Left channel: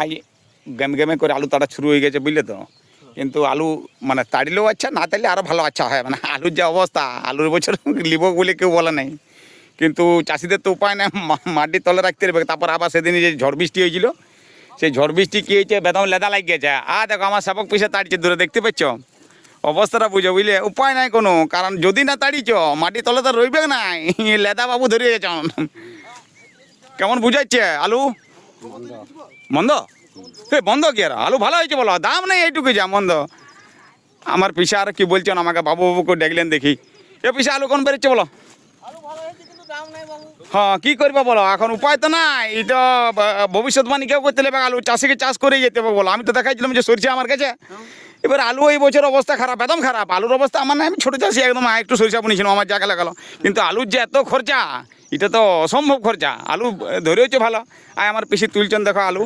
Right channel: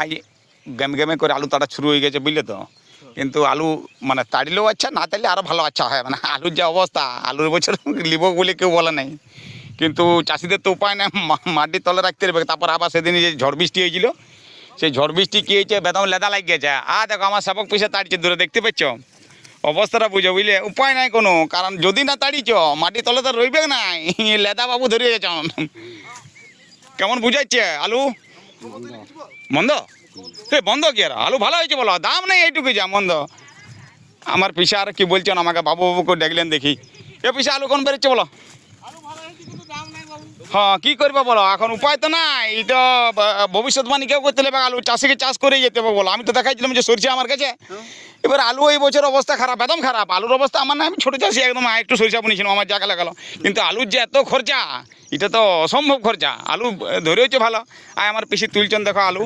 আজ গেমে গেমে করে আলু তাড়া শুরু হয়ে গেছে বুঝলে তো। কিন্তু আলু মানে তাড়িলেও আচ্ছা, না তাড়লে আরও ভালো আচ্ছা হয়। মানে আলুর যে অবস্থা, আলুর বছর লিব বলে কেউ বলে নাই, কিন্তু চাষিদের তো উপায় নেই, মাটির তলে রাখতে হবে। তারপর আবার সেদিন যে ঝড় বৃষ্টি হয়েছিল, সেই ঝড় বৃষ্টি কী হয়েছে, বেদম লেদা লাগিয়ে গেছে। দেখো আমার সেবক পিছিয়ে তাড়িছে দূরে, দেখতে পাচ্ছ অবস্থাটা বুঝো বুঝলে। উপায় নাই কোনো, কারণ যদি না তাড়িছ মাটির তলে তো রইবে না, লেদা বাবু ধরিয়ে গেছে। কেমন বুঝাচ্ছে আলু মন্দ? বন্ধ কি আর আলু ভালো হয়েছে বলো, দাম নেই এইটুকু যা মন্দ। আমার পিসা আর কি বলছেন আমাকে, বাবু বাবু করে দেখলেন দেখি। এ পিসা আলু কোন বেরোচ্ছে বলো? হ্যাঁ কী করবো বলো, এখন উপায় তো নাই। এই তো ভবিষ্যৎবাণী কেউ করতে হবে, আলু চাষিকে চাষ করেই যেতে হবে বলো। আমি তো দেখাইছিলাম যে সরষে আমার কাছে, এবার আলু এই বছর অবস্থা খারাপ, একদম খারাপ। আলুর অবস্থা আমার না, আমি ছোটো চাষি একদম, একটু সরিষা বুনেছিলাম, আমার জায়গা লাগালো। কিন্তু আলুর যে এত খরচা, এটা তো অসম্ভব খরচা। আলু ধরে হচ্ছে ভালো। আমার পিসি তুলছেন দেখো আলু।